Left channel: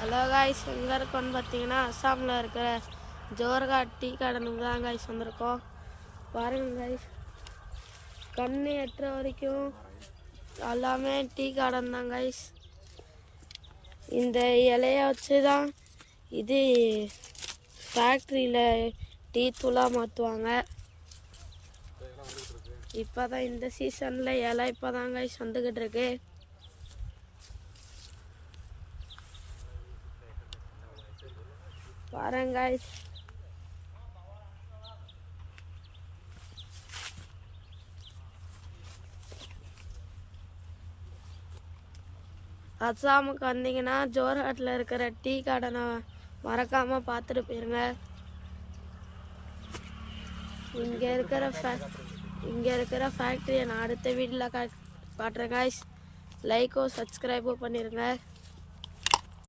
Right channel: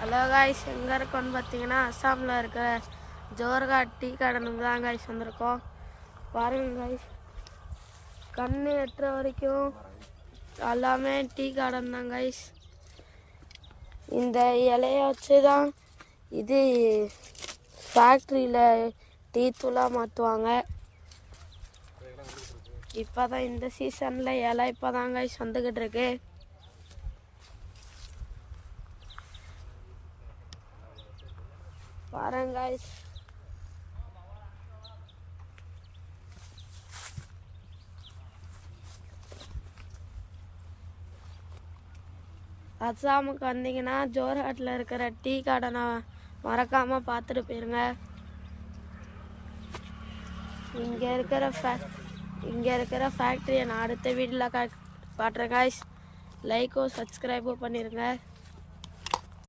Hello guys, எங்கே இருக்கோன்னு பார்த்தீங்கன்னா அஸ்ஸாமில் இருக்கிற ஜோர்ஹாட் டீ கார்டனுக்கு தான் காய்ஸ் வந்திருக்கோம். பாருங்க காய்ஸ், கண்ணு எட்டுற வரைக்கும் எல்லாமே டீ கார்டன் தான் காய்ஸ். இந்த இலையை வச்சு தான் இது ஃபேக்ட்ரியில் டீ தூளாக மாற்றுவாங்க. இப்போ தான் இந்த சீசனில் இலை இப்போ தான் காய்ஸ் வந்துக்கிட்டு இருக்கு. பாருங்க guys, அஸ்ஸாமுக்கு வந்தீங்கன்னா ஜோர்ஹாட்டில் இருக்கிற டீ கார்டனை மறக்காமல் பார்த்துட்டு போயிருங்க. இங்கே இருக்கிற ஃபேக்ட்ரியை நான் அடுத்த வீட்டில் காட்டுறேன் guys. லைக்கோ சப்ஸ்கிரைபோ பண்ணிடுங்க.